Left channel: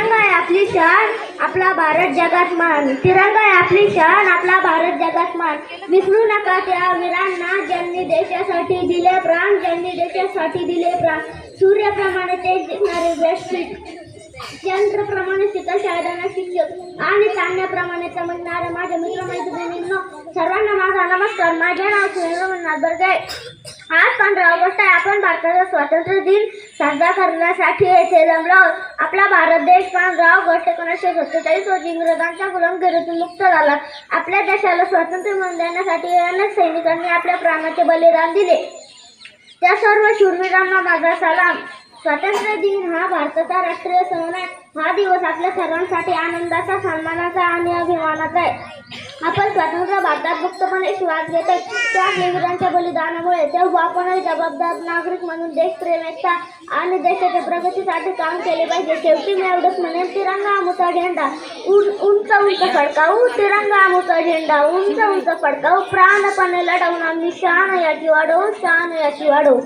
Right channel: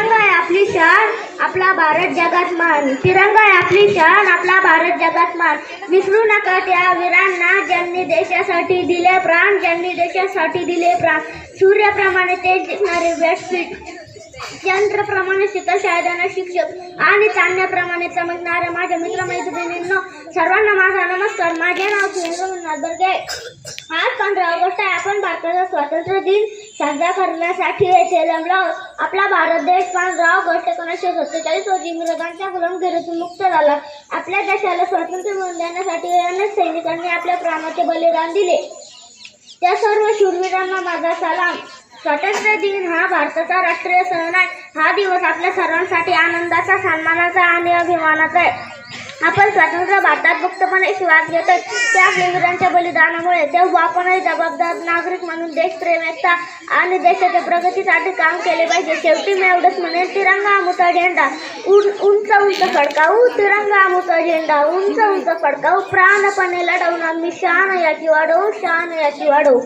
तिरंगा आहे आपली शान, आपला भारत जगात मान. तिरंगा आहे आपली शान, आपला भारत जगात मान. विसरू नका त्या वीरांना ज्यांनी देशासाठी दिले प्राण, ज्यांनी देशासाठी दिले प्राण. सूर्याप्रमाणे तेज दिसणारे व्यासपीठ, चंद्राप्रमाणे शीतल शाळेदार शिक्षक आणि चांदण्याप्रमाणे चमकणाऱ्या माझ्या मित्रमैत्रिणींनो, सर्वांना माझा नमस्कार. माझे नाव सुरेंद्र बर्गे. आज 15 ऑगस्ट आहे. आपण भारताचा स्वातंत्र्य दिन साजरा करण्यासाठी येथे जमलो आहोत. आपला भारत देश 15 ऑगस्ट 1947 रोजी इंग्रजांच्या गुलामगिरीतून मुक्त झाला. आपल्या देशाला स्वातंत्र्य मिळवून देण्यासाठी अनेक सैनिकांनी आपल्या प्राणाचे बलिदान दिले. त्या सर्व शूरवीरांना माझा सलाम. स्वातंत्र्य दिन हा भारताचा राष्ट्रीय सण आहे. हा दिवस आपल्या सर्वांसाठी आनंदाचा, सन्मानाचा आणि अभिमानाचा आहे. आपण स्वतंत्र भारतात मुक्तपणे श्वास घेतोय त्या आपल्या वीरांच्या बलिदानामुळे. तेव्हा आपणही जबाबदार नागरिक म्हणून देशप्रेम, एकता आणि देशाच्या प्रगतीसाठी काम केले पाहिजे. शेवटी मी एवढंच म्हणेन, तिरंगा आमचा झेंडा उंच उंच फडकावू, तिरंगा आमचा झेंडा उंच उंच फडकावू. प्राणपणे लढवून आम्ही शान याची वाढवू, शान याची वाढवू.